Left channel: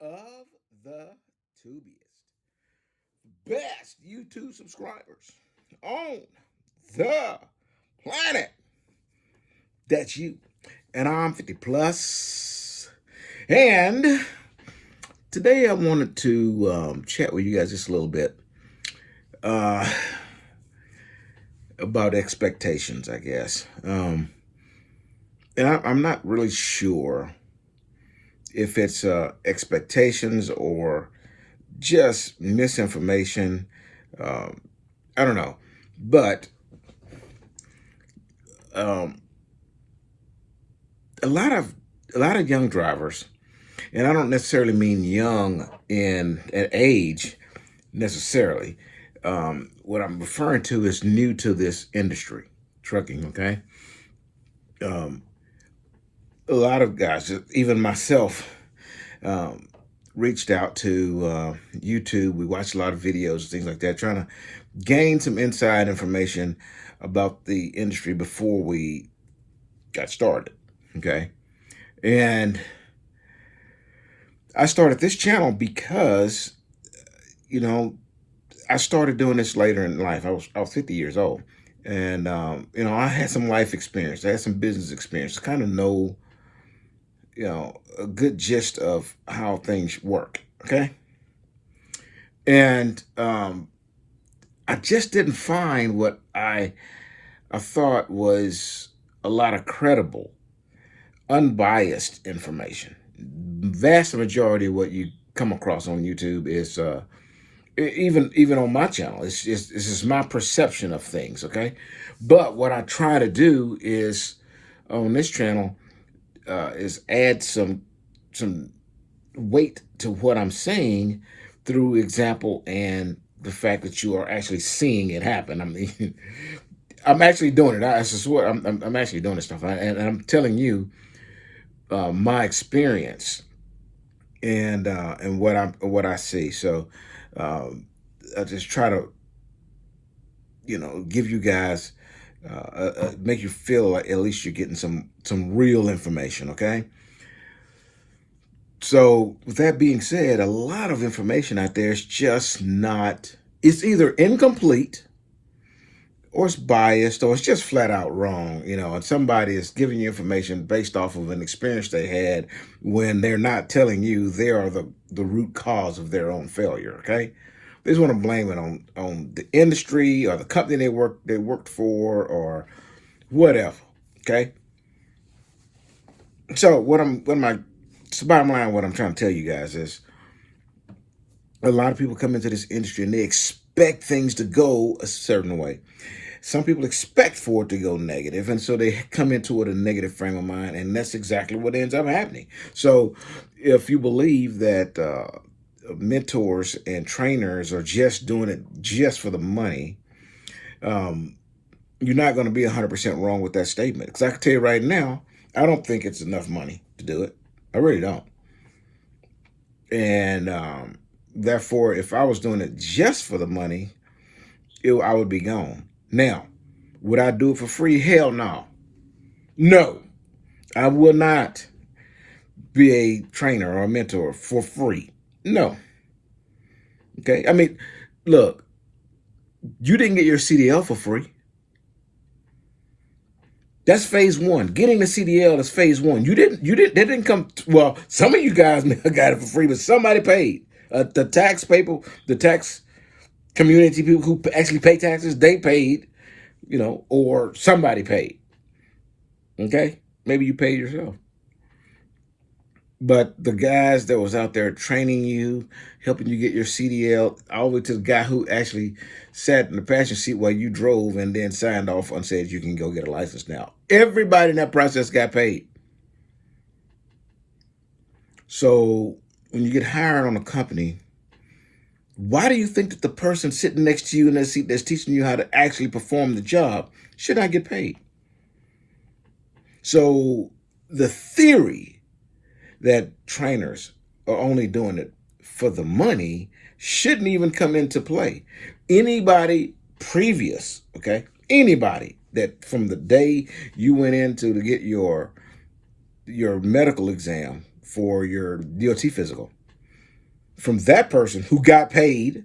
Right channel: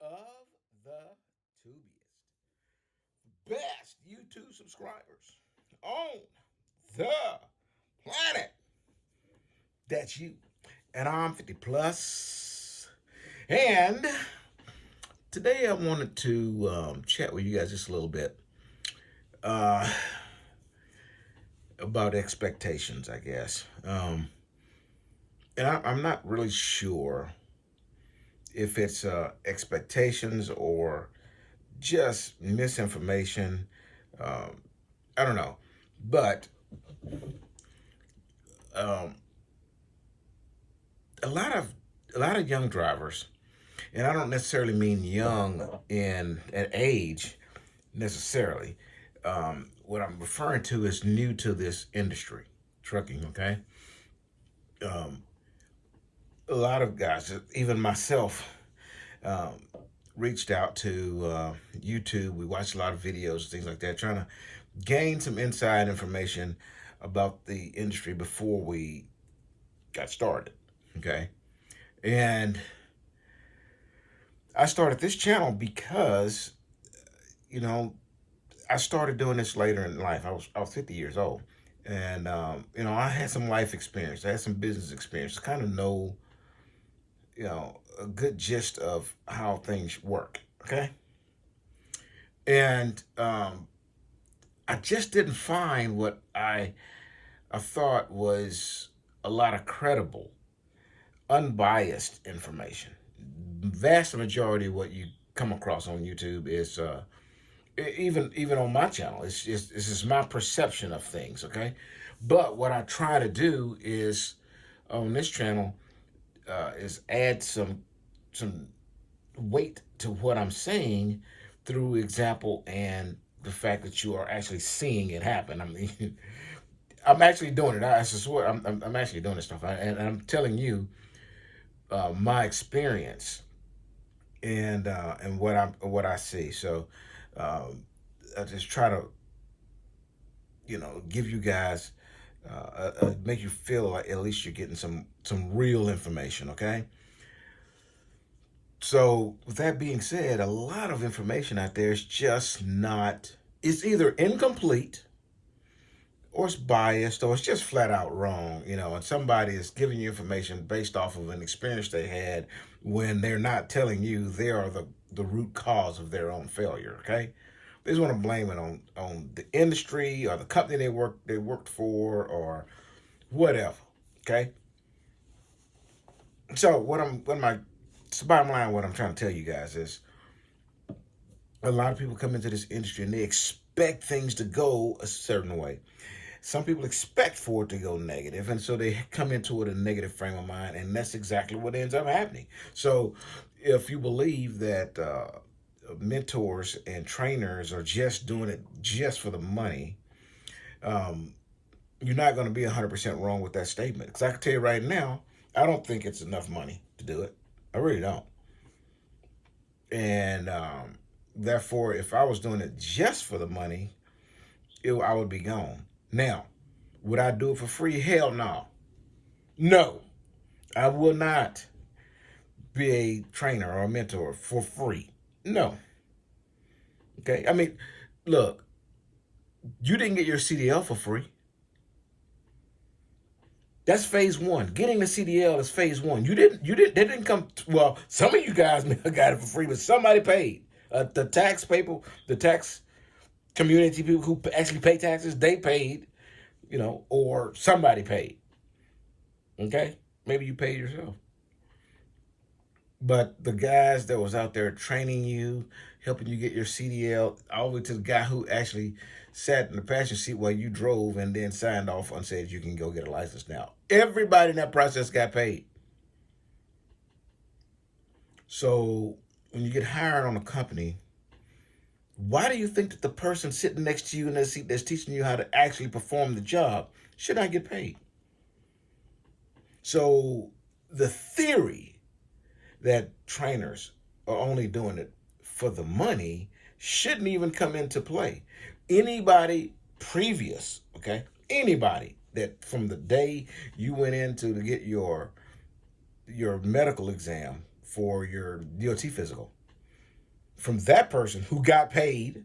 of the tubiest, best YouTube subscribers on the planet. That's you. And I'm 50 plus. And today I wanted to chat with you guys just a little bit uh, about expectations, I guess. And I'm not really sure if it's expectations or just misinformation. Um, I don't know, but um, a lot of a lot of young drivers, and I don't necessarily mean young in an age necessarily. What I'm referring to is new to this industry, trucking. Okay, um, a lot of guys, even myself, um, reached out to YouTube. We watched a lot of videos, things like that, trying to gain some inside information about the industry before we got started. Okay. And I started this channel because, you know, I started doing this later in life. I was 50 years old. And, I had some life experience. I had some business experience. Kind of know, a good gist of how things work. Okay. And I just didn't find what I thought was a lot of credible, unbiased information. Vast majority of what you come across on YouTube is even on my channel. It's just my perception of things. Okay, but what I try to do is on this channel is add some weight to what I'm saying through example and the fact that you are actually seeing it happen. I mean, I'm actually doing it. I swear, I'm actually doing this stuff, and I'm telling you my experience and what I see. So um, I just try to give you guys make you feel like at least you're getting some real information. Okay. So with that being said, a lot of information out there is just not. It's either incomplete or it's biased or it's just flat out wrong, and somebody is giving you information based off of an experience they had when they're not telling you they are the root cause of their own failure. Okay, they just want to blame it on the industry or the company they worked for or whatever. Okay, so so bottom line, what I'm trying to tell you guys is a lot of people come into this industry and they expect things to go a certain way. Some people expect for it to go negative, and so they come into it a negative frame of mind, and that's exactly what ends up happening. So, if you believe that mentors and trainers are just doing it just for the money, um, you're not going to be 100% wrong with that statement. Because I can tell you right now, I don't think it's enough money to do it. I really don't. And therefore, if I was doing it just for the money, I would be gone. Now, would I do it for free? Hell no. No, I will not be a trainer or a mentor for free. No. Okay. I mean, look, you didn't get your CDL for free. That's phase one. Getting the CDL is phase one. They didn't come, well, some of you guys got it for free, but somebody paid. The tax people, the tax community people who actually pay taxes, they paid, or somebody paid. Okay? Maybe you paid yourself. But the guys that was out there training you, helping you get your CDL, all the way to the guy who actually sat in the passenger seat while you drove and then signed off and said you can go get a license now. Everybody in that process got paid. So when you get hired on a company, why do you think that the person sitting next to you in that seat that's teaching you how to actually perform the job should not get paid? So the theory that trainers are only doing it for the money shouldn't even come into play. Anybody previous, okay, anybody that from the day you went into to get your medical exam for your DOT physical, from that person who got paid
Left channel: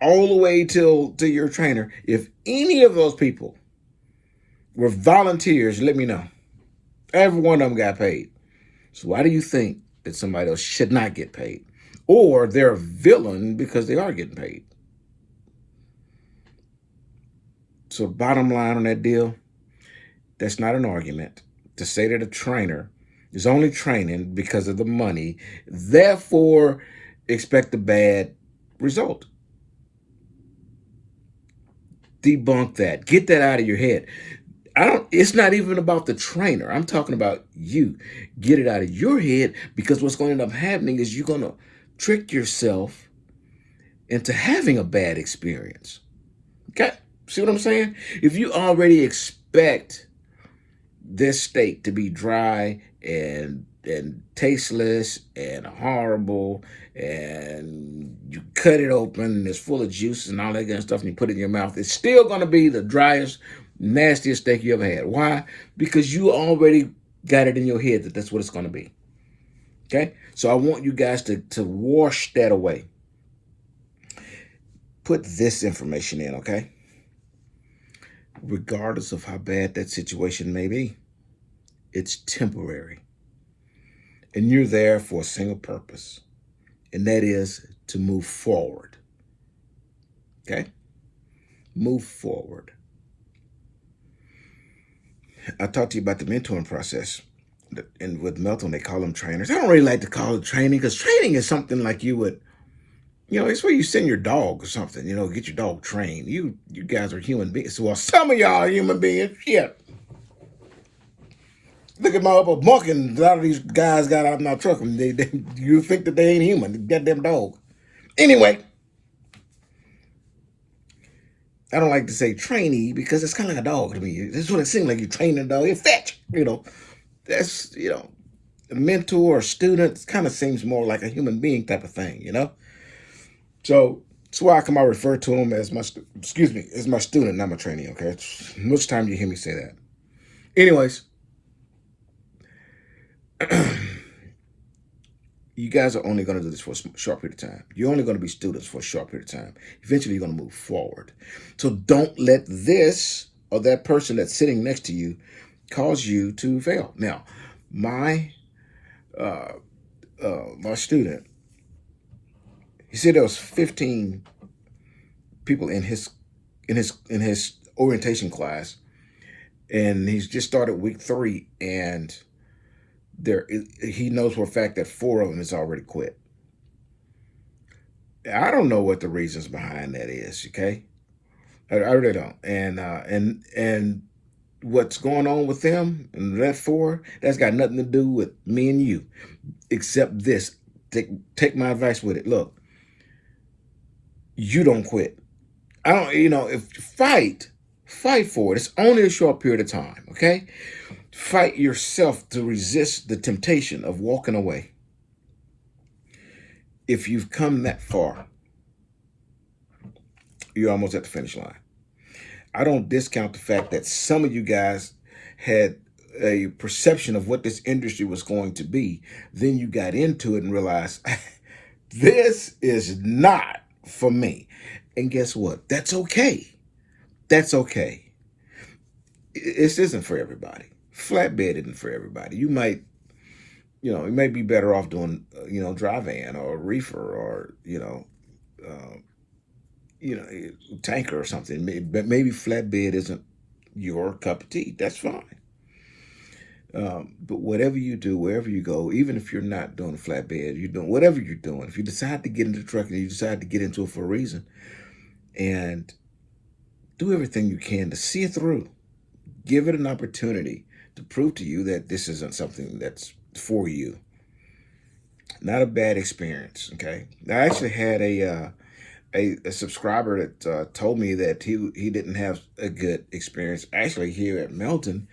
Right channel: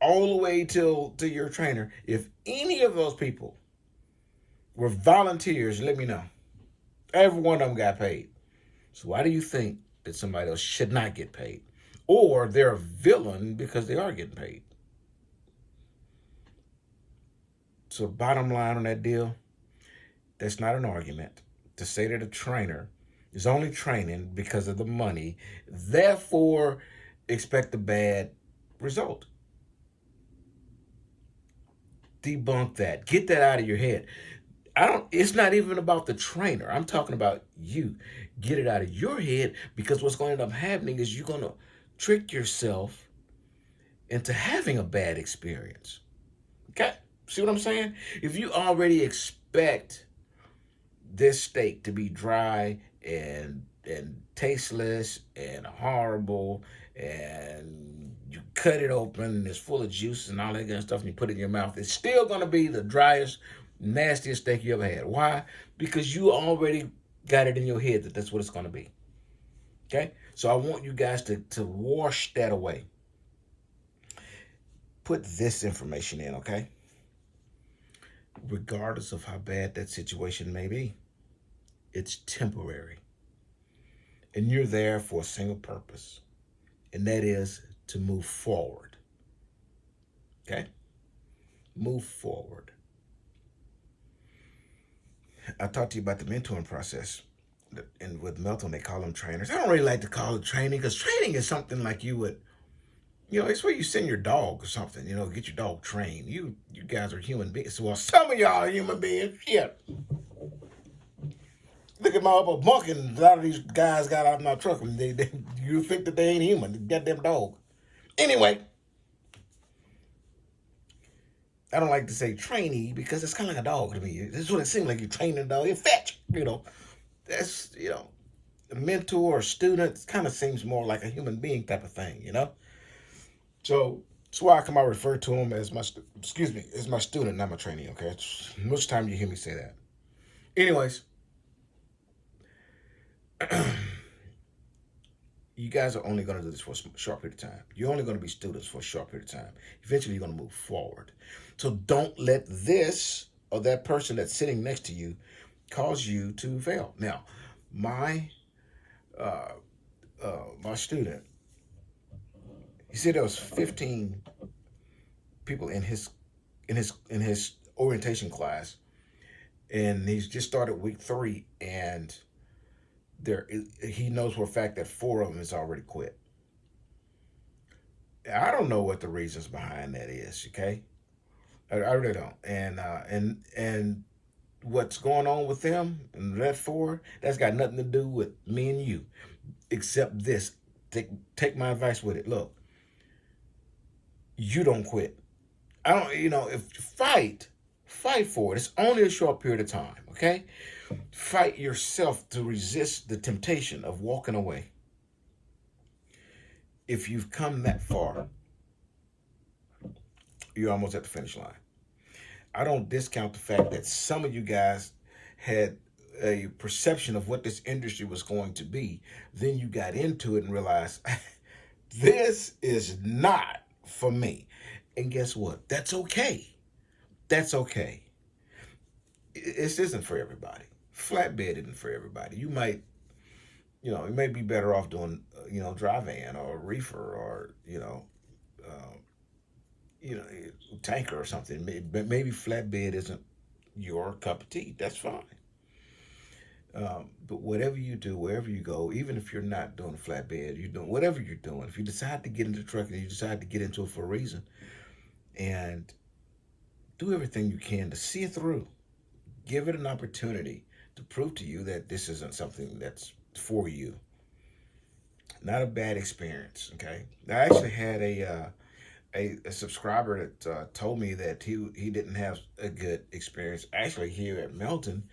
all the way to your trainer. If any of those people were volunteers, let me know. Every one of them got paid. So why do you think that somebody else should not get paid? Or they're a villain because they are getting paid? So bottom line on that deal, that's not an argument to say that a trainer is only training because of the money, therefore expect a bad result. Debunk that. Get that out of your head. It's not even about the trainer. I'm talking about you. Get it out of your head, because what's going to end up happening is you're going to trick yourself into having a bad experience. Okay? See what I'm saying? If you already expect this steak to be dry and tasteless and horrible, and you cut it open and it's full of juice and all that kind of stuff, and you put it in your mouth, it's still going to be the driest, nastiest steak you ever had. Why? Because you already got it in your head that that's what it's going to be. Okay? So I want you guys to wash that away. Put this information in, okay? Regardless of how bad that situation may be, it's temporary. And you're there for a single purpose, and that is to move forward. Okay? Move forward. I talked to you about the mentoring process. And with Melton, they call them trainers. I don't really like to call it training, because training is something like you would, it's where you send your dog or something, get your dog trained. You guys are human beings. Well, some of y'all are human beings. Yeah. Look at my upper bunk, and a lot of these guys got out of my truck, and you think that they ain't human. The goddamn dog. Anyway, I don't like to say trainee, because it's kind of like a dog to me. This is what it seems like. You train a dog. You fetch. That's, a mentor or student kind of seems more like a human being type of thing, So that's why I refer to him as my student, not my trainee, okay? Most time you hear me say that. Anyways, you guys are only going to do this for a short period of time. You're only going to be students for a short period of time. Eventually, you're going to move forward. So don't let this or that person that's sitting next to you cause you to fail. Now, my student, he said there was 15 people in his orientation class, and he's just started week 3, and he knows for a fact that 4 of them has already quit. I don't know what the reasons behind that is. Okay, I really don't. And what's going on with them and that 4, that's got nothing to do with me and you, except this. Take my advice with it. Look, you don't quit. I don't. If fight for it. It's only a short period of time. Okay. Fight yourself to resist the temptation of walking away. If you've come that far, you're almost at the finish line. I don't discount the fact that some of you guys had a perception of what this industry was going to be. Then you got into it and realized, this is not for me. And guess what? That's okay. That's okay. This isn't for everybody. Flatbed isn't for everybody. You might be better off doing, dry van or reefer or, tanker or something. But maybe flatbed isn't your cup of tea. That's fine. But whatever you do, wherever you go, even if you're not doing a flatbed, you're doing whatever you're doing. If you decide to get into trucking, you decide to get into it for a reason, and do everything you can to see it through. Give it an opportunity to prove to you that this isn't something that's for you. Not a bad experience, okay? I actually had a subscriber that told me that he didn't have a good experience actually here at Melton,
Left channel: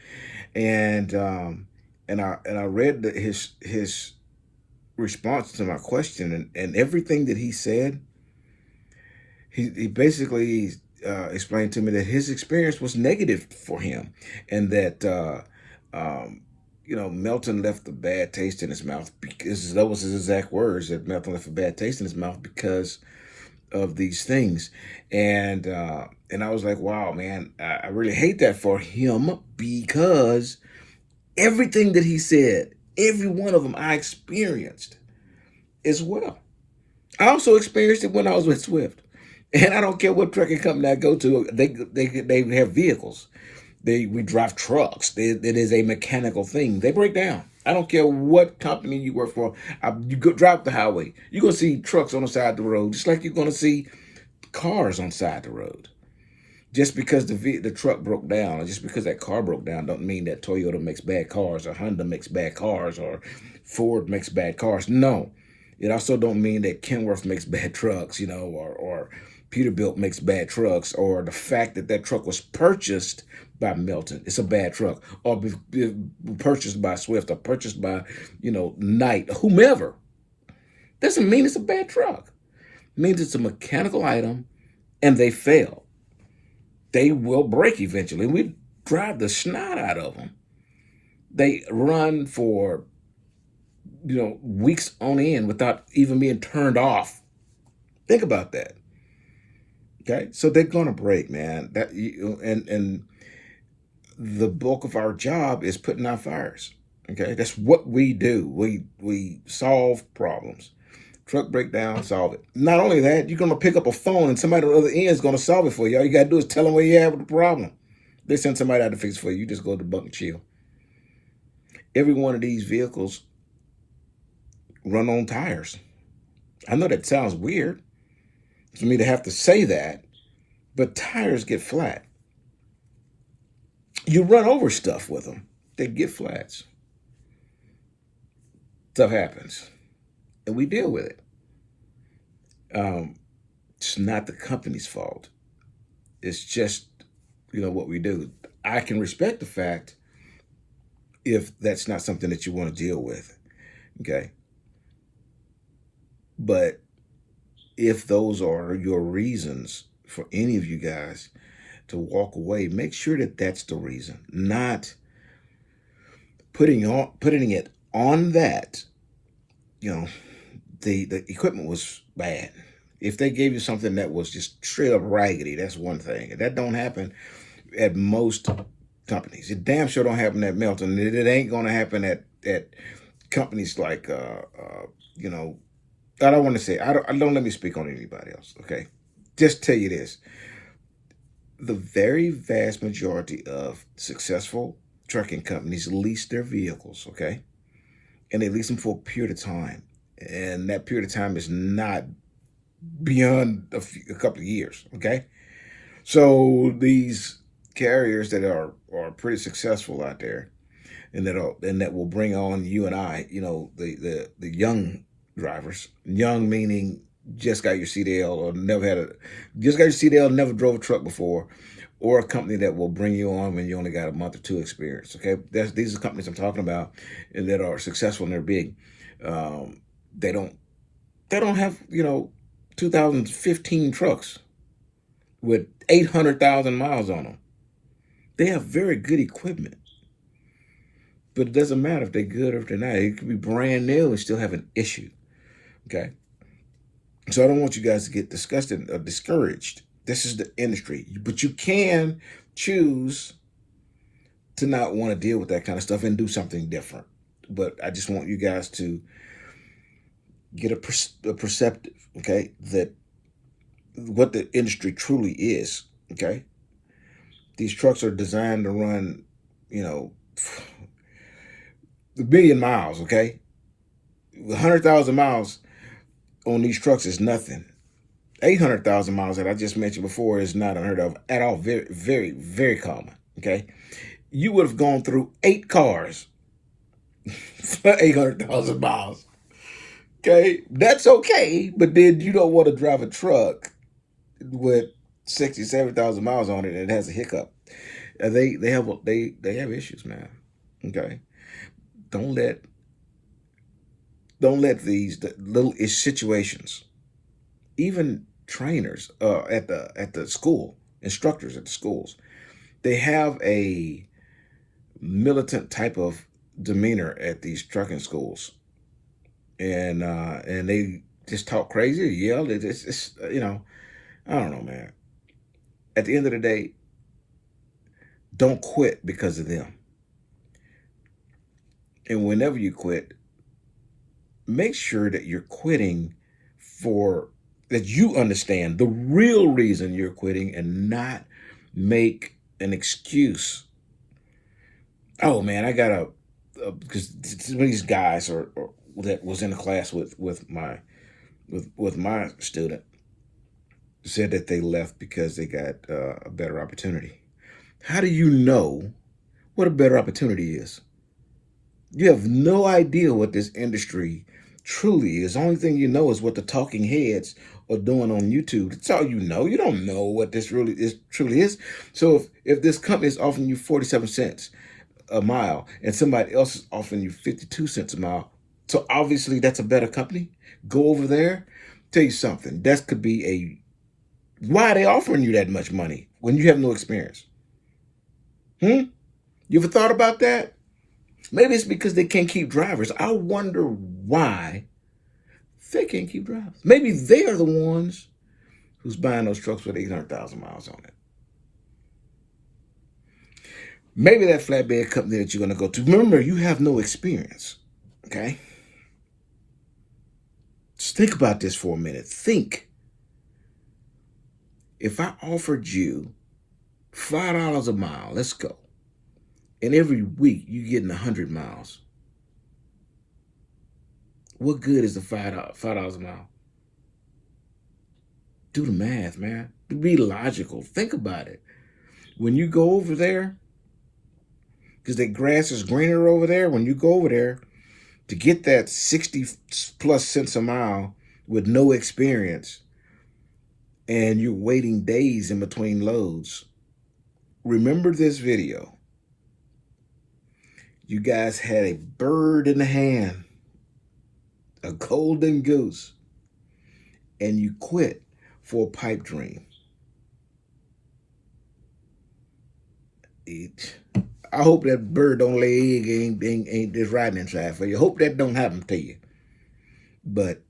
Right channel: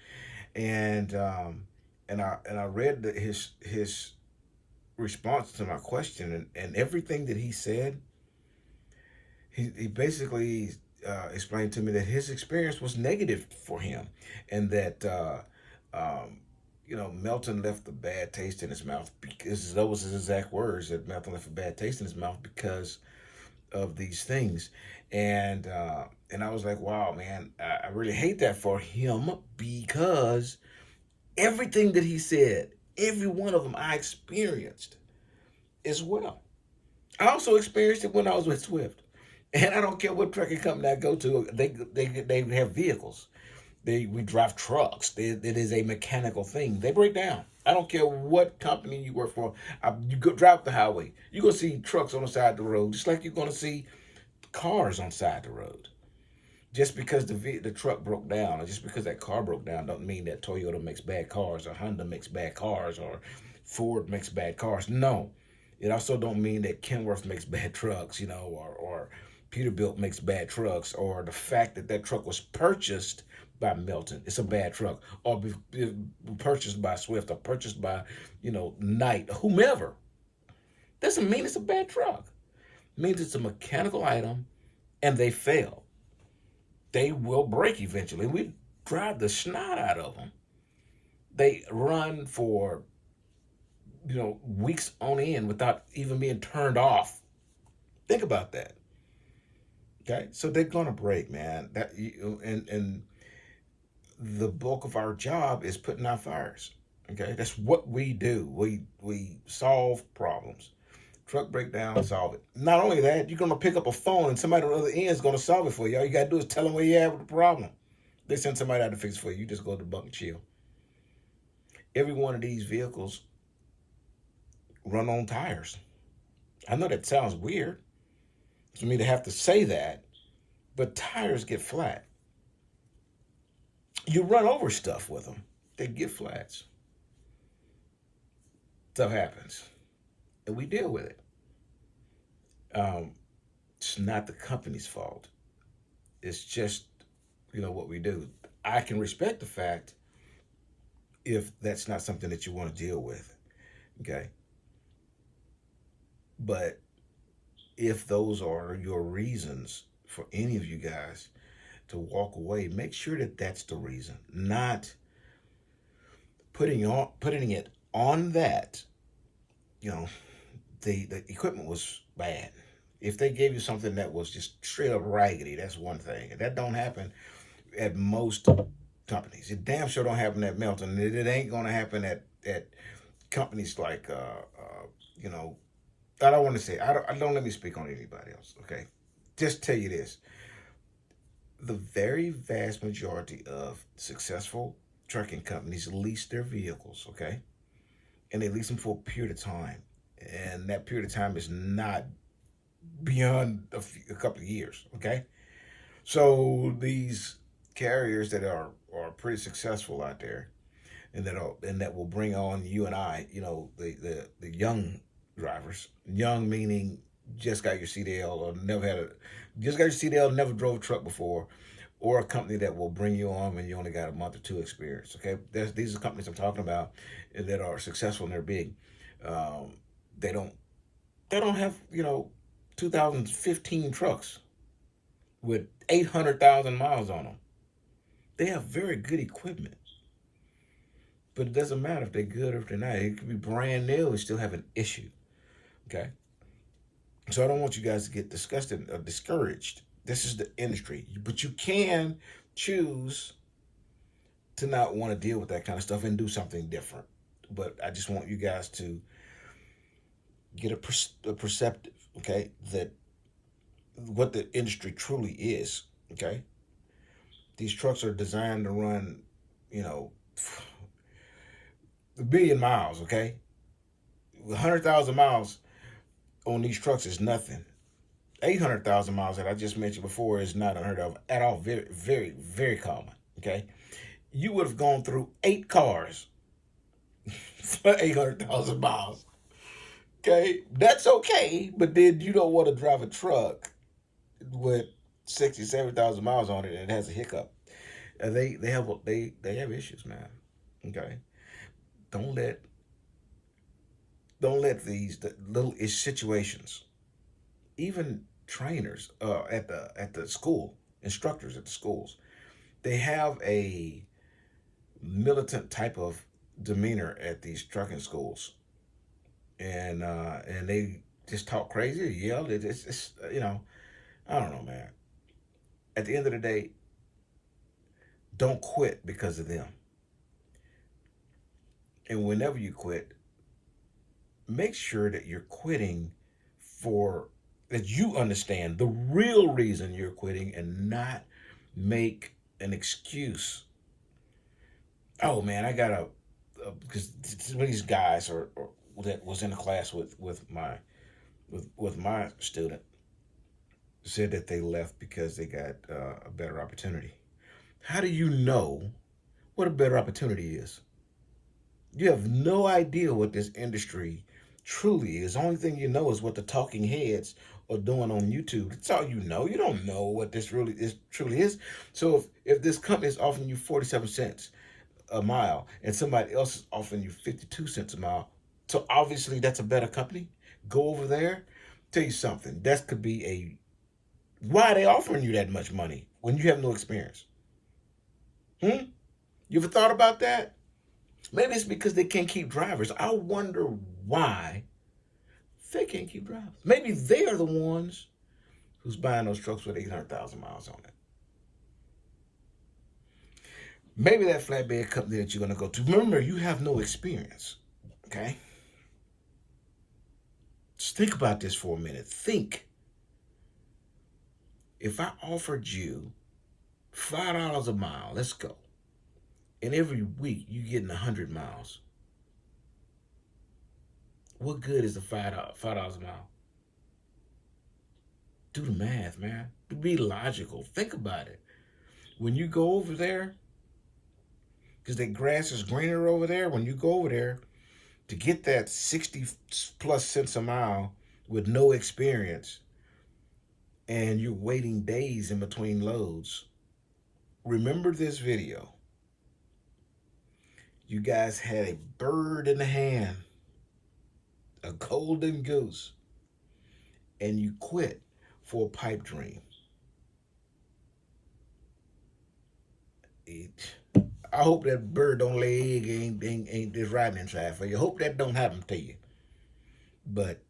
and I read his response to my question, and everything that he said, he basically explained to me that his experience was negative for him, and that Melton left a bad taste in his mouth, because that was his exact words, that Melton left a bad taste in his mouth because of these things. And I was like, wow, man, I really hate that for him, because everything that he said, every one of them I experienced as well. I also experienced it when I was with Swift. And I don't care what trucking company I go to, they have vehicles. We drive trucks. It is a mechanical thing. They break down. I don't care what company you work for. You go drive the highway, you're gonna see trucks on the side of the road, just like you're gonna see cars on the side of the road. Just because the truck broke down, or just because that car broke down, don't mean that Toyota makes bad cars, or Honda makes bad cars, or Ford makes bad cars. No, it also don't mean that Kenworth makes bad trucks, or Peterbilt makes bad trucks, or the fact that that truck was purchased by Melton, it's a bad truck, or purchased by Swift, or purchased by, Knight, whomever. Doesn't mean it's a bad truck. It means it's a mechanical item, and they fail. They will break eventually. We drive the snot out of them. They run for, weeks on end without even being turned off. Think about that. Okay, so they're gonna break, man. And the bulk of our job is putting out fires. Okay, that's what we do. We solve problems. Truck breakdown, solve it. Not only that, you're gonna pick up a phone and somebody on the other end is gonna solve it for you. All you gotta do is tell them where you have the problem. They send somebody out to fix it for you. You just go to the bunk and chill. Every one of these vehicles run on tires. I know that sounds weird for me to have to say that, but tires get flat. You run over stuff with them, they get flats. Stuff happens, and we deal with it. It's not the company's fault. It's just, what we do. I can respect the fact if that's not something that you want to deal with. Okay. But if those are your reasons for any of you guys to walk away, make sure that that's the reason, not putting it on that, the equipment was bad. If they gave you something that was just straight up raggedy, that's one thing. That don't happen at most companies. It damn sure don't happen at Melton. It ain't gonna happen at companies like I don't want to say, I don't let me speak on anybody else. Okay, just tell you this: the very vast majority of successful trucking companies lease their vehicles. Okay, and they lease them for a period of time, and that period of time is not beyond a couple of years. Okay, so these carriers that are pretty successful out there, and that will bring on you and I, the young drivers, young meaning just got your CDL, or just got your CDL, never drove a truck before, or a company that will bring you on when you only got a month or two experience. Okay, these are companies I'm talking about, and that are successful and they're big. They don't have 2015 trucks with 800,000 miles on them. They have very good equipment, but it doesn't matter if they're good or if they're not. It could be brand new and still have an issue. Okay, so I don't want you guys to get disgusted or discouraged. This is the industry, but you can choose to not want to deal with that kind of stuff and do something different. But I just want you guys to get a perceptive, okay, that what the industry truly is. Okay, these trucks are designed to run, a billion miles. Okay, 100,000 miles on these trucks is nothing. 800,000 miles that I just mentioned before is not unheard of at all. Very, very, very common. Okay, you would have gone through 8 cars for 800,000 miles. Okay, that's okay, but then you don't want to drive a truck with 60, 70,000 miles on it and it has a hiccup. They have issues, man. Okay, don't let these little situations, even trainers at the school, instructors at the schools, they have a militant type of demeanor at these trucking schools, and they just talk crazy, yell. It's I don't know, man. At the end of the day, don't quit because of them. And whenever you quit, make sure that you're quitting for that you understand the real reason you're quitting and not make an excuse. Oh man, I got because some of these guys or that was in the class with my student said that they left because they got a better opportunity. How do you know what a better opportunity is? You have no idea what this industry truly is. The only thing you know is what the talking heads are doing on YouTube. That's all you know. You don't know what this really is truly is. So if this company is offering you 47 cents a mile and somebody else is offering you 52 cents a mile, so obviously that's a better company. Go over there. Tell you something. That could be a why are they offering you that much money when you have no experience? Hmm? You ever thought about that? Maybe it's because they can't keep drivers. I wonder why they can't keep drivers. Maybe they are the ones who's buying those trucks with 800,000 miles on it. Maybe that flatbed company that you're going to go to. Remember, you have no experience. Okay? Just think about this for a minute. Think. If I offered you $5 a mile, let's go. And every week you're getting 100 miles. What good is the $5 a mile? Do the math, man. Be logical. Think about it. When you go over there, because the grass is greener over there, when you go over there to get that 60 plus cents a mile with no experience and you're waiting days in between loads, remember this video. You guys had a bird in the hand, a golden goose, and you quit for a pipe dream. I hope that bird don't lay egg ain't just riding inside for you. Hope that don't happen to you. But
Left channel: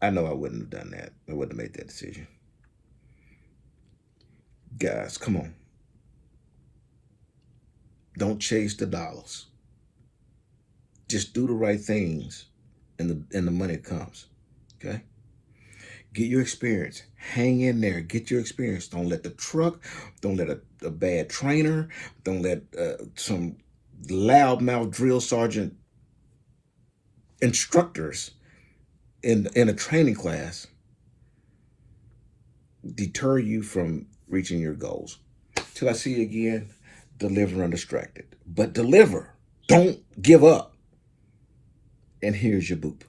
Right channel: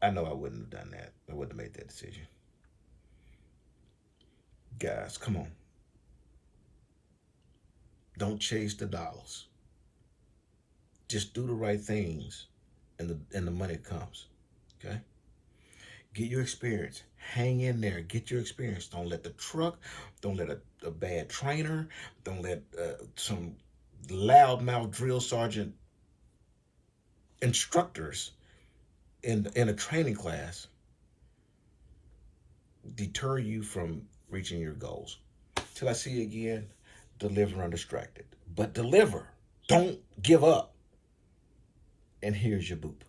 I know I wouldn't have done that. I wouldn't have made that decision. Guys, come on. Don't chase the dollars. Just do the right things and the money comes. Okay? Get your experience. Hang in there. Get your experience. Don't let the truck, don't let a bad trainer, don't let some loudmouth drill sergeant instructors in a training class deter you from reaching your goals. Till I see you again, deliver undistracted. But deliver. Don't give up. And here's your boop.